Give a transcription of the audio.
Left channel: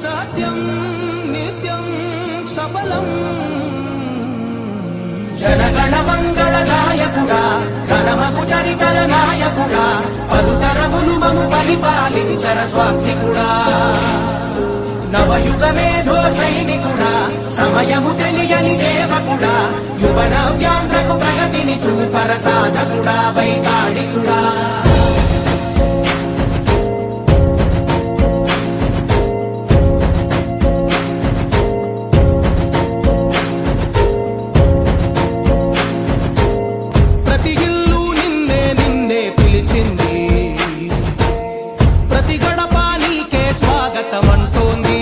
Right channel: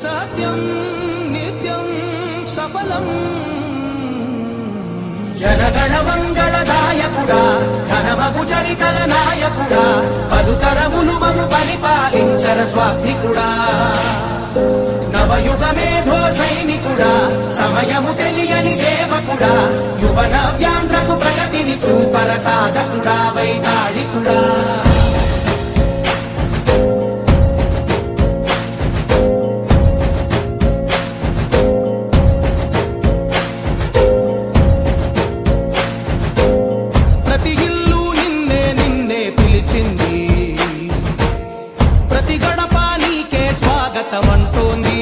సత్యం నిత్యం సఫలం జనగణ మంగళదాయకుడా ఘనమగు చరితల నాయకుడా పలుతరములు మము పరిపాలించర స్వామికుడా నవయుగ మేధో సైనికుడా సమయము తెలియని సేవకుడా యువన వ్యాంధ్రకు ప్రగతిని చూపర సాధకుడా వైతాళికుడా ప్రతి ఇల్లు నిన్నే నిన్నే పిలిచింది ప్రతి గడప నీకే స్వాగతం అంటోంది